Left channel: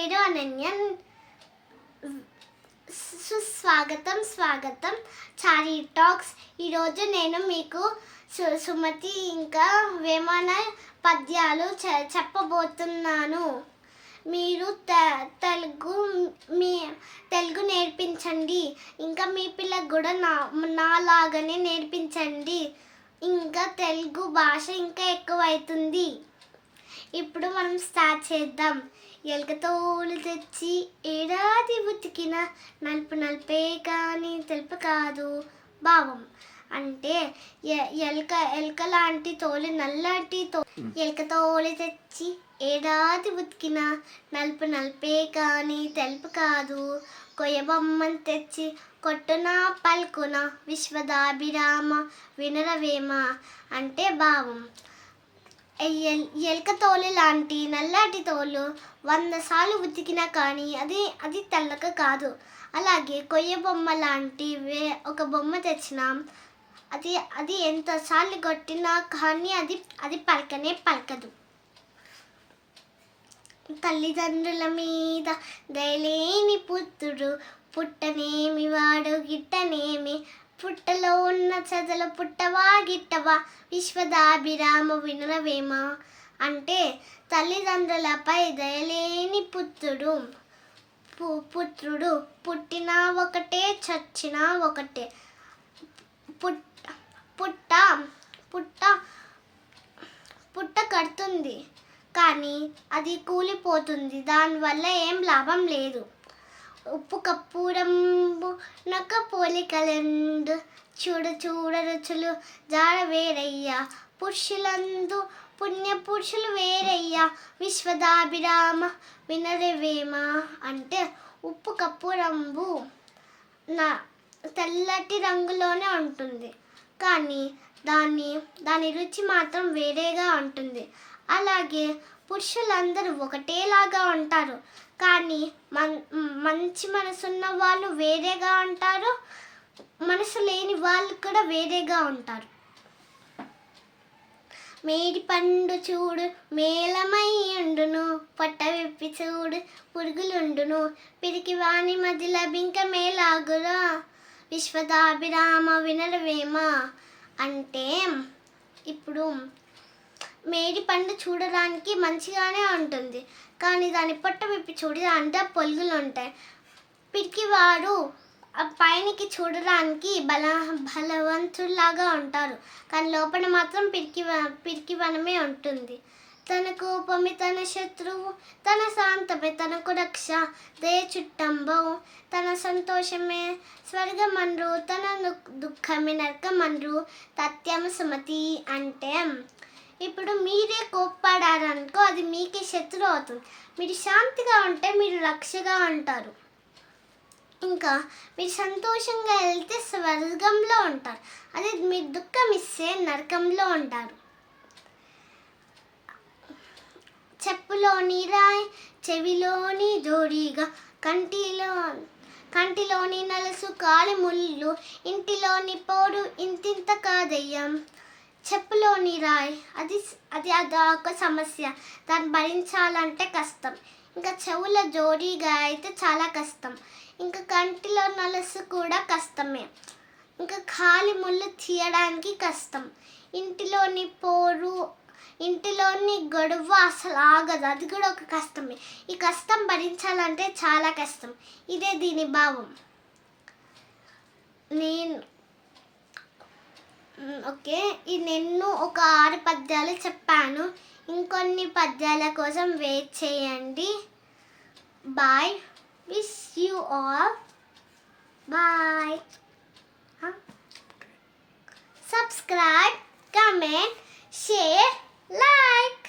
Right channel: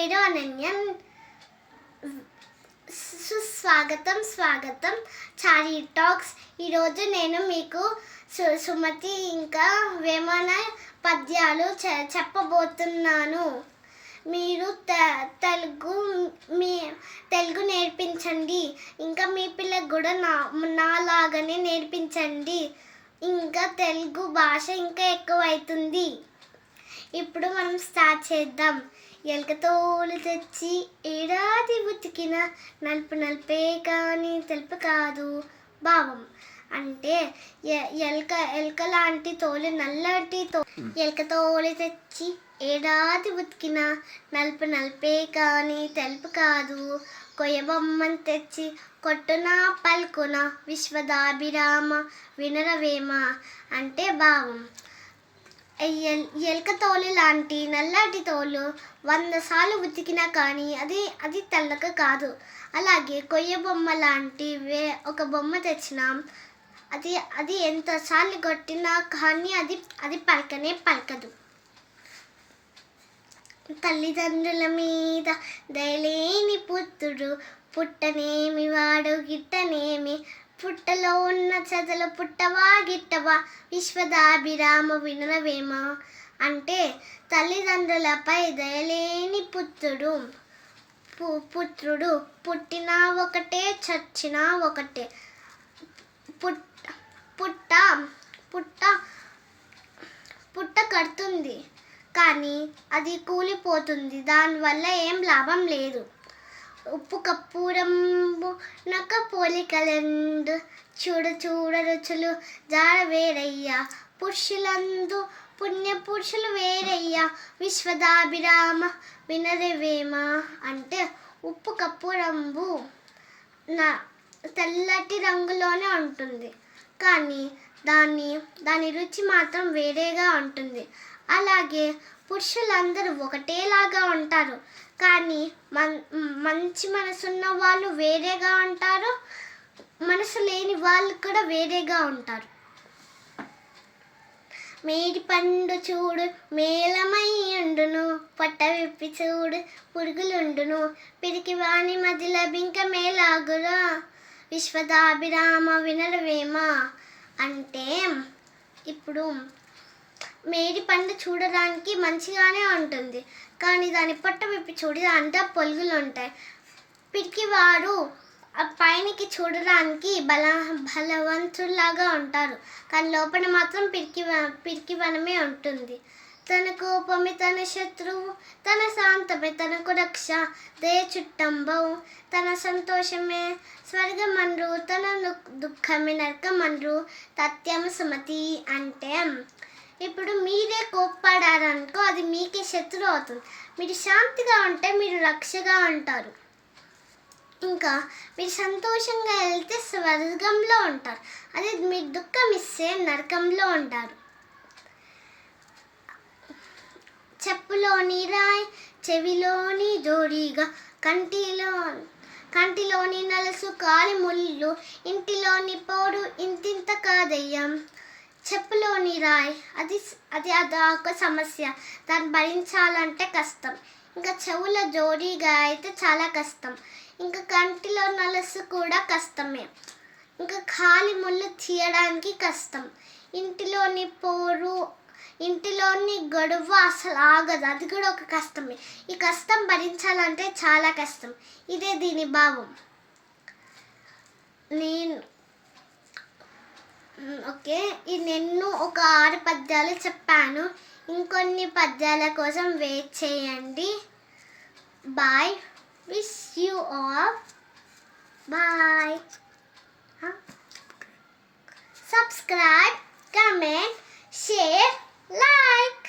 పేరు అనన్య సుస్వాగతం స్వాగతం. చారీ టాక్స్. ఈరోజు నేను మీకు సు సుమతి ఇంకా వేమన పద్యాలు చె- చెప్పబోతున్నాను. మీరు తె- తెలుగు మీ తెలుగు నేర్పించండి. ఇంకా మీ పిల్లలకు కూడా నా నాలాగానే నేర్పించండి. ఇంకా తెలుగు భాష ఇంకా ఎక్కువ అవుతుంది ఇప్పుడు మనం స్టార్ట్ చేద్దాం. ఎలకతోలు తెచ్చి ఏడాది ఉతికిన నలుపు నలిపే కానీ తెలుపు కాదు భావం. అంటే ఎ- ఎలక ఎలక లాంటి తోలు నల్లటి తో ఎలక తోలు తెచ్చి ఏడాది ఉతికిన నలుపు నలిపే కానీ తెలుపు కాదు. కొయ్యబొమ్మని తెచ్చి కొట్టున పలుకున విశ్వదాభిరామ వినరవేమ అంటే భావం. ఎలక తోలు లాంటి నల్లటి తోలు వంద సార్లు ఉతికినా కానీ అది అది తెల్లక కాదు. అలాగే కొయ్య బొమ్మ లాంటి వే ఒక బొమ్మ తెచ్చినాం అది అది ఎంతసార్లు కొట్టినా కానీ అది అది పలకనే పలకదు. తల్లిదండ్రుల మీద దయలేని పుత్రుడు పుట్టనేమి వాడు గిట్టనేమి పుట్టలో ఉన్న చదల పుట్టవా గిట్టవా? విశ్వదాభిరామ వినరవేమ అంటే తల్లిదండ్రులపై దయలేని పుత్రుడు పు- పుత్రుడు పుట్టినా ఒకటే చచ్చినా ఒకటే. పుట్ట పుట్ట పుట్ట పుట్ట కడుతుంది. కానీ అది కూలిపోతుంది. దానివల్ల ఏం లాభం లేదు. ఉప్పు కప్పూరంబు నక్క పోలికలెందు చూడు చూడ రుచులు జాడ వేరయ్యా. పురుషులందు పుణ్య పురుషులు వేరయ్యా. విశ్వదాభిరామ వినరవేమ అంటే ఉప్పు కప్పూరంబు నా తెల్లటి రంగులోనే ఉంటుంది. కానీ దాని దాని రుచి మాత్రం వేరేగా ఉంటుంది. అలాగే పురుషులందరూ ఒకటేలాగా ఉంటారు. కానీ మన్ మంచి మనసున్న వాళ్ళు వేరేగా ఉంటారు. మనసు లేని వాళ్ళు కూడా వేరేగా ఉంటారు. మేడి పండు చూడు మేలమై ఉండును. పొట్ట విప్పి చూడు పురుగులుండును. పిరికి వాణి మధ్య లభింక మేలాగురా విశ్వదాభిరామ వినడవేమా అంటే ఇప్పుడు మేడి పండు చూడడానికి మంచిగానే ఉంటుంది. కానీ దాని పొట్ట విప్పి చూడి అంతా పొలుగులు ఉంటాయి. పిరికివాడు ఆ పైనకి చూడడానికి బల బలవంతుల్లాగా ఉంటారు. కానీ లోపల మాత్రం పిరికి పిరికివనమే ఉంటుంది. తన కోపమే తన శత్రువు తన శాంతమే తనకు రక్ష. దే చుట్టంబవు తన సంతోషమే స్వర్గమన్రు తన ను- దుఃఖమే నరకమన్రు తత్యం సుమతి అంటే ఇప్పుడు మీరే కోప్పడారనుకో అది మీకే శత్రువు అవుతుంది. మీరు శాంతిగా ఉంటే మీరు రక్షగా ఉంటారు. ఇంకా మీరు సంతోషంగా వెళ్తే స్వర్గంలో ఉంటారు. అదే మీరు దుఃఖం ఇస్తే నరకంలో ఉంటారు. చెప్పులోని రాయ్ చెవిలోని జోడిగా కంటిలో కంటిలోని నలుసు కాలి ముళ్ళు ఇంటిలోని పోడు ఇంతింత కాదయ్యం. చెప్పులోని రాయ్. అది అది అదొక సమస్య. దాన్ని భరించాలంటే కష్టం. ఇంకా చెవుల జోడీగా అయితే చాలా కష్టం. ఇంకా కంటిలో నలసు కూడా కష్టమే. ఇంకా ఖాళీ ముళ్ళు తీయడానికి కష్టం. ఇంటిలోని పోరు ఇంటిలోని గొడవ అసలు ఆగదు. అది కూడా ఒక కష్టమే. ఈ కష్టం భరించాలంటే చాలా కష్టం. ఇదే దీని భావం. నేను ఓకే. ఈ నేను ఒక ఆరు పద్యాలు చెప్పాను. ఇంకొన్ని పద్యాల కోసం వెయిట్ చేయండి. Bye wish you all bye subscribe comment share like